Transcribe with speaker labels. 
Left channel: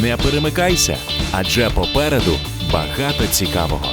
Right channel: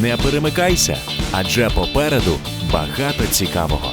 Speaker 1: Не перемикайся, адже попереду багато цікавого.